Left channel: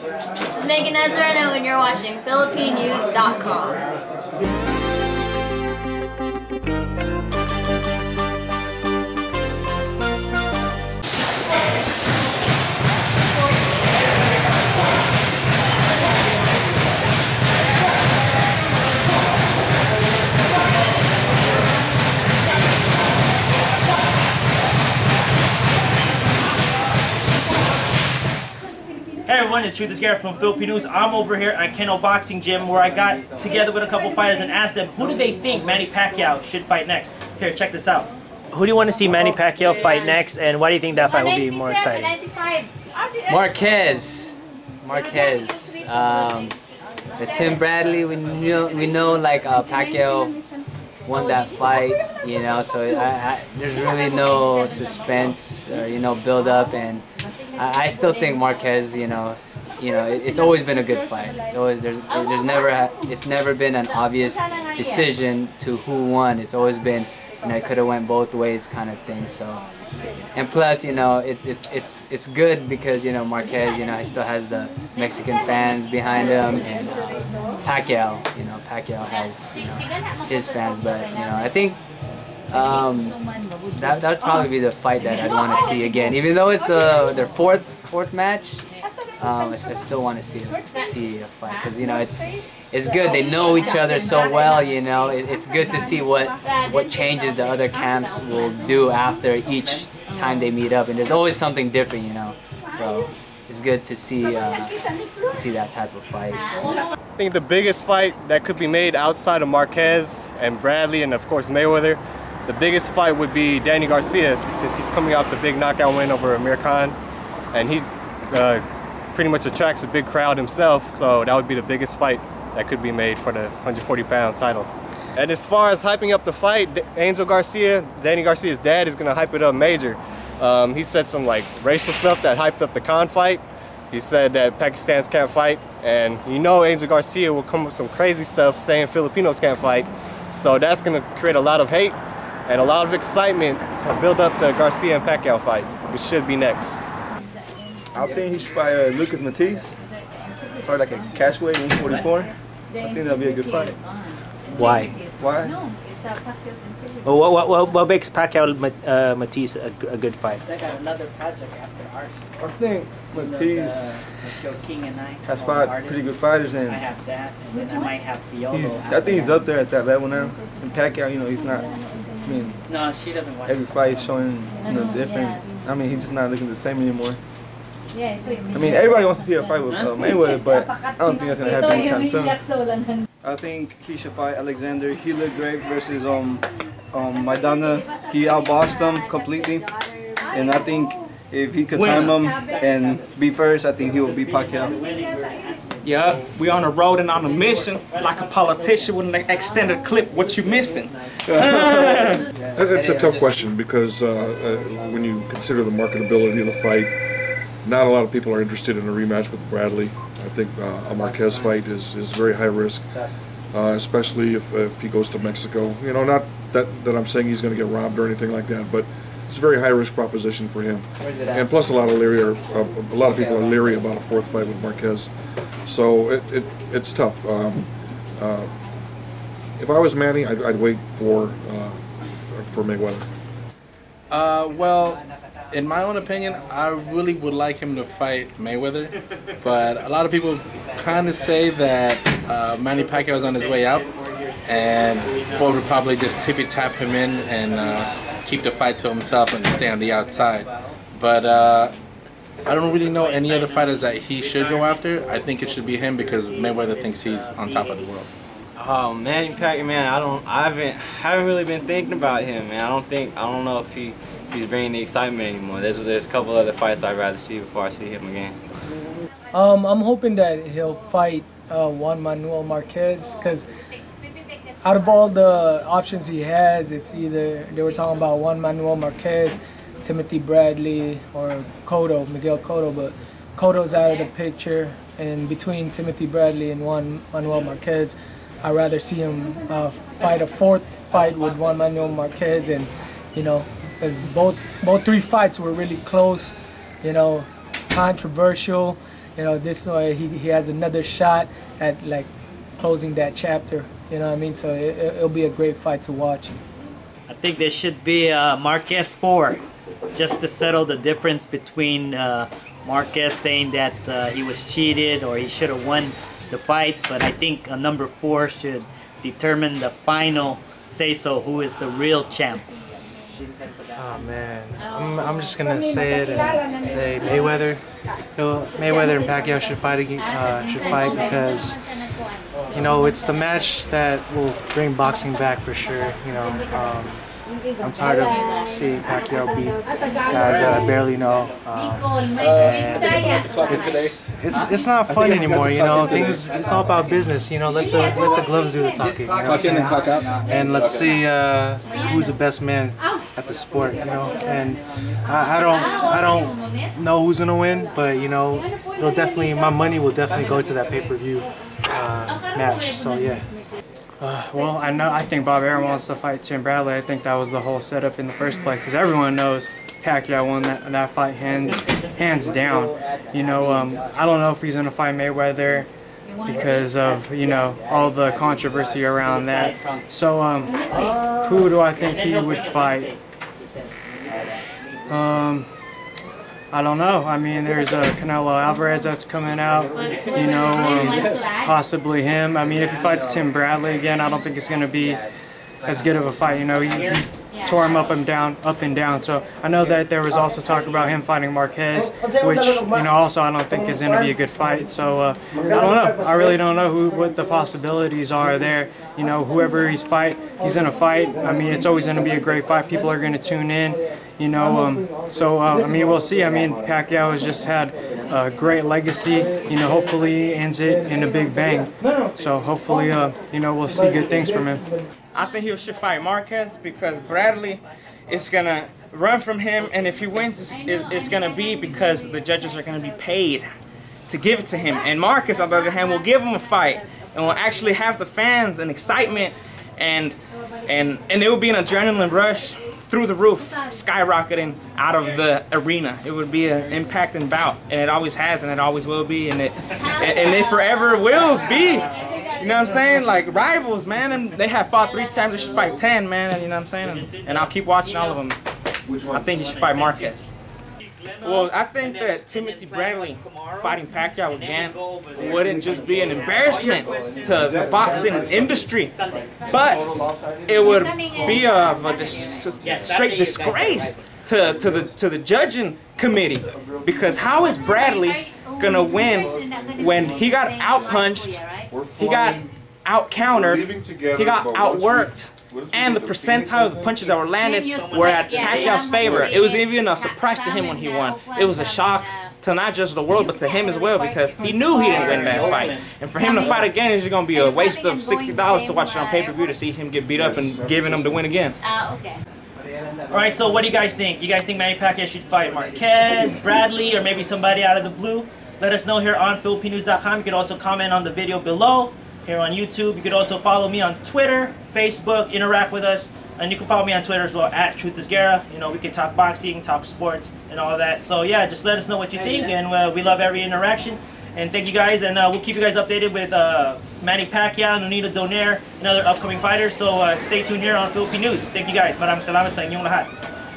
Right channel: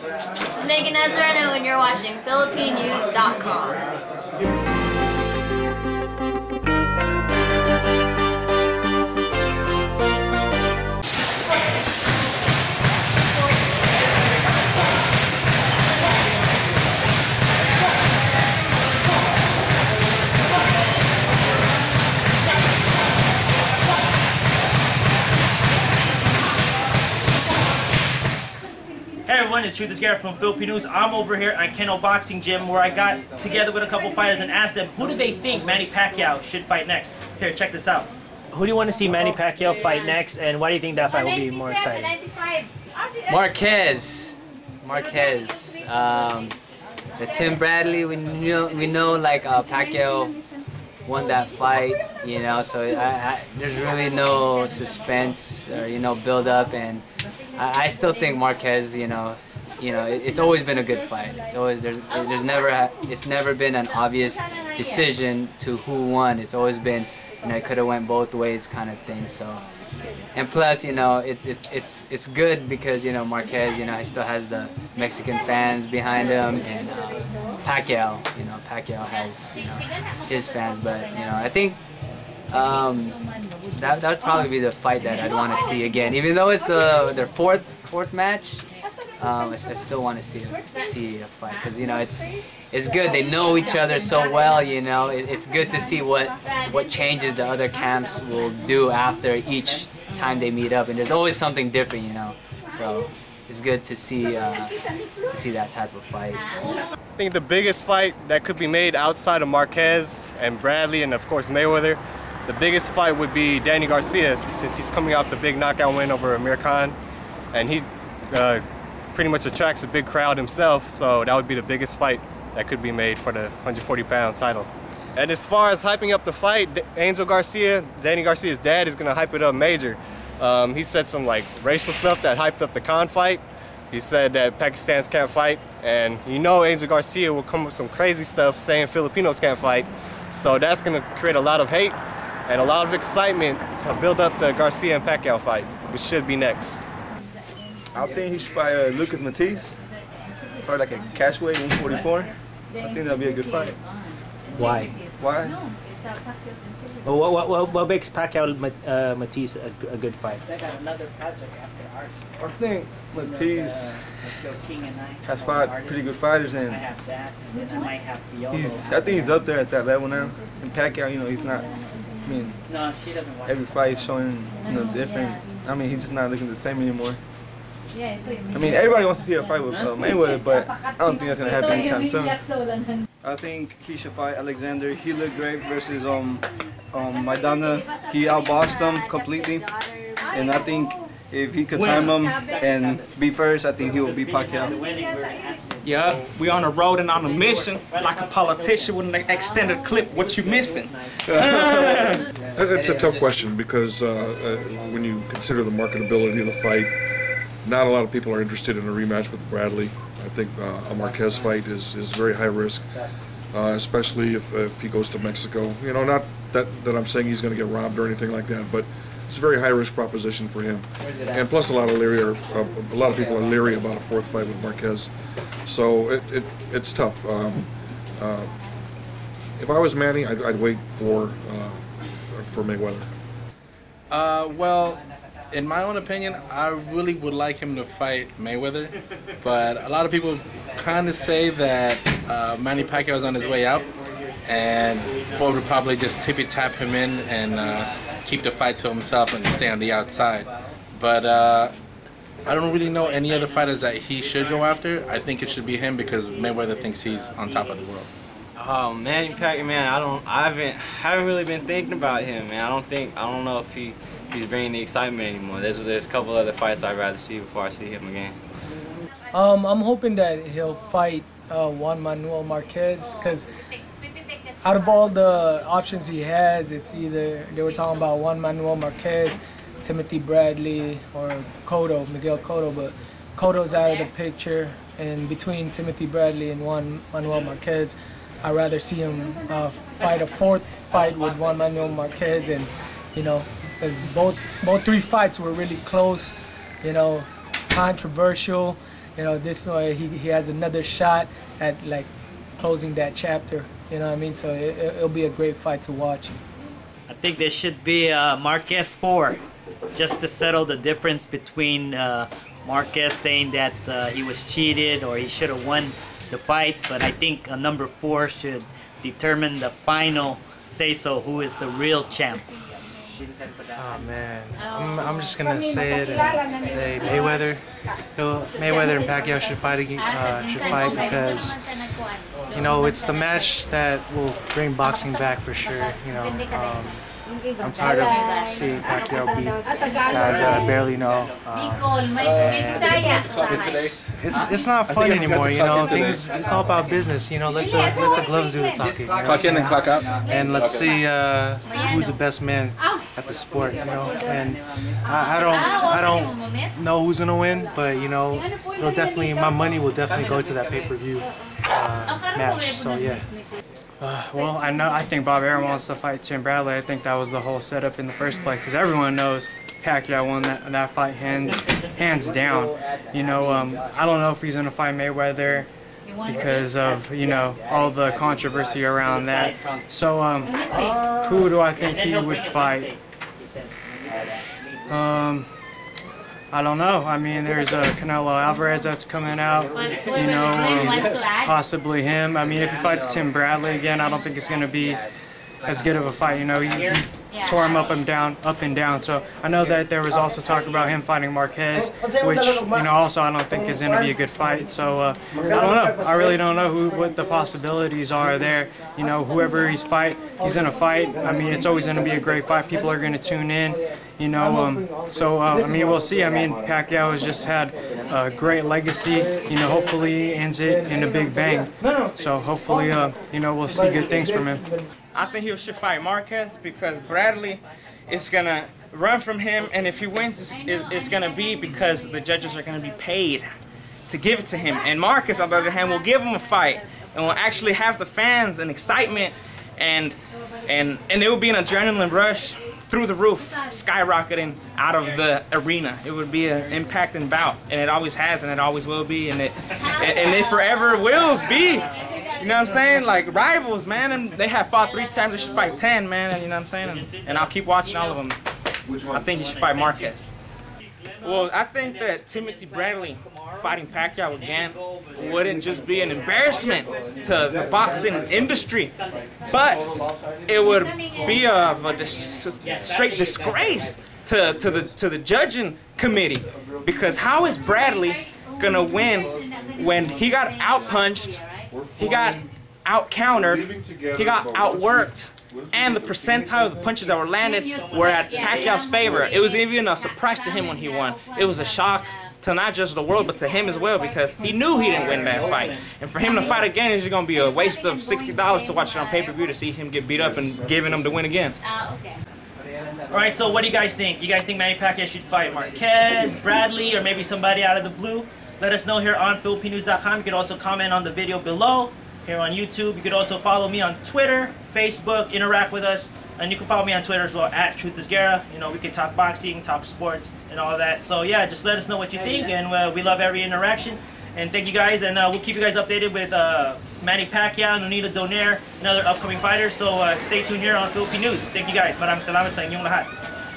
This is Megan Esguerra and you're watching PhilippineNews.com. Hey everyone, it's Esguerra from Philippine News. I'm over here at Kennel Boxing Gym where I got together with a couple fighters and asked them who do they think Manny Pacquiao should fight next. Here, check this out. Who do you want to see Manny Pacquiao fight next, and why do you think that fight will be more exciting? Marquez. The Tim Bradley, we know like Pacquiao won that fight, you know, so there's really no suspense or, you know, build up, and I still think Marquez, it's always been a good fight. It's always it's never been an obvious decision to who won. It's always been, you know, it could have went both ways kind of thing. So, and plus, you know, it's good because, you know, Marquez, you know, he still has the Mexican fans behind him, and Pacquiao has, you know, his fans. But, you know, I think that would probably be the fight that I'd want to see again. Even though it's their fourth match, I still want to see a fight because, you know, it's good. They know each other so well. You know, it's good to see what changes the other camps will do after each time they meet up, and there's always something different. You know, so it's good to see that type of fight. I think the biggest fight that could be made outside of Marquez and Bradley and of course Mayweather, the biggest fight would be Danny Garcia, since he's coming off the big knockout win over Amir Khan, and he pretty much attracts a big crowd himself, so that would be the biggest fight that could be made for the 140-pound title. And as far as hyping up the fight, Angel Garcia, Danny Garcia's dad, is going to hype it up major. He said some like racial stuff that hyped up the Khan fight. He said that Pakistans can't fight, and you know Angel Garcia will come with some crazy stuff saying Filipinos can't fight. So that's going to create a lot of hate and a lot of excitement to build up the Garcia and Pacquiao fight, which should be next. I think he should fight Lucas Matisse, probably like a catchweight, 144. I think that'll be a good fight. Why? Why? Well, what makes Pacquiao Matisse a good fight? I got another project after ours. I think Matisse has fought pretty good fighters, and I have that, and then I might have Viola. I think he's up there at that level now. And Pacquiao, you know, he's not. I mean, no, she doesn't watch. Every fight is showing, you know, different. I mean, he's just not looking the same anymore. I mean, everybody wants to see a fight with Mayweather, but I don't think that's gonna happen anytime soon. I think he should fight Alexander. He looked great versus Maidana. He outboxed him completely, and I think if he could time him and be first, I think he will beat Pacquiao. Yeah, we on the road and on a mission, like a politician with an extended clip. What you missing? It's a tough question because when you consider the marketability of the fight, not a lot of people are interested in a rematch with Bradley. I think a Marquez fight is very high risk, especially if he goes to Mexico. You know, not that I'm saying he's going to get robbed or anything like that, but it's a very high risk proposition for him. And plus, a lot of people are leery about a fourth fight with Marquez. So it's tough. If I was Manny, I'd wait for Mayweather. Well, in my own opinion, I really would like him to fight Mayweather, but a lot of people kind of say that Manny Pacquiao is on his way out, and Floyd would probably just tippy-tap him in and keep the fight to himself and stay on the outside. But I don't really know any other fighters that he should go after. I think it should be him because Mayweather thinks he's on top of the world. Oh, Manny Pacquiao, man, I haven't really been thinking about him, man. I don't know if he's bringing the excitement anymore. There's a couple other fights I'd rather see before I see him again. I'm hoping that he'll fight Juan Manuel Marquez, because out of all the options he has, it's either they were talking about Juan Manuel Marquez, Timothy Bradley, or Miguel Cotto, but Cotto's out of the picture. And between Timothy Bradley and Juan Manuel Marquez, I'd rather see him fight a fourth fight with Juan Manuel Marquez, and you know, because both three fights were really close, you know, controversial, you know, this way he has another shot at like closing that chapter. You know what I mean? So it'll be a great fight to watch. I think there should be Marquez 4, just to settle the difference between Marquez saying that he was cheated or he should have won the fight. But I think number 4 should determine the final say-so, who is the real champ. Oh man, I'm just gonna say it and say Mayweather. Mayweather and Pacquiao should fight because, you know, it's the match that will bring boxing back for sure. You know, I'm tired of seeing Pacquiao beat guys that I barely know. It's not fun anymore. You know, it's all about business. You know, let the gloves do the talking. Clock in and clock out. And let's see who's the best man at the sport. You know, and I don't know who's gonna win, but you know, it'll definitely, my money will definitely go to that pay-per-view match. So yeah. Well, I think Bob Arum wants to fight Tim Bradley. I think that was the whole setup in the first place, because everyone knows Pacquiao won that fight hands down. You know, I don't know if he's gonna fight Mayweather because of, you know, all the controversy around that. So who do I think he would fight? I don't know. I mean, there's Canelo Alvarez that's coming out, you know, possibly him. I mean, if he fights Tim Bradley again, I don't think it's going to be as good of a fight. You know, he tore him up and down. So I know that there was also talk about him fighting Marquez, which, you know, also I don't think is going to be a good fight. So I don't know. I really don't know what the possibilities are there. You know, whoever he's going to fight. I mean, it's always going to be a great fight. People are going to tune in. You know, so I mean, we'll see. I mean, Pacquiao has just had a great legacy. You know, hopefully he ends it in a big bang. So hopefully, you know, we'll see good things from him. I think he should fight Marquez because Bradley is gonna run from him, and if he wins, it's gonna be because the judges are gonna be paid to give it to him. And Marquez, on the other hand, will give him a fight and will actually have the fans and excitement, and it will be an adrenaline rush through the roof, skyrocketing out of the arena. It would be an impacting bout, and it always has, and it always will be, and it forever will be. You know what I'm saying? Like rivals, man, and they have fought 3 times. They should fight 10, man. And you know what I'm saying? And I'll keep watching all of them. I think you should fight Marquez. Well, I think that Timothy Bradley fighting Pacquiao again wouldn't just be an embarrassment to the boxing industry, but it would be of a straight disgrace to the judging committee, because how is Bradley gonna win when he got outpunched, he got out-countered, he got outworked, and the percentile of the punches that were landed were at Pacquiao's favor? It was even a surprise to him when he won. It was a shock to not just the world, but to him as well, because he knew he didn't win that fight. And for him to fight again is going to be a waste of $60 to watch it on pay-per-view to see him get beat up and giving him the win again. Alright, so what do you guys think? You guys think Manny Pacquiao should fight Marquez, Bradley, or maybe somebody out of the blue? Let us know here on PhilippineNews.com. You can also comment on the video below here on YouTube. You could also follow me on Twitter, Facebook, interact with us, and you can follow me on Twitter as well, at Esguerra. You know, we can talk boxing, talk sports, and all of that. So yeah, just let us know what you think, and we love every interaction. And thank you guys, and we'll keep you guys updated with Manny Pacquiao, Nonito Donaire, and other upcoming fighters. So stay tuned here on Philippine News. Thank you guys. Maraming salamat sa inyong lahat.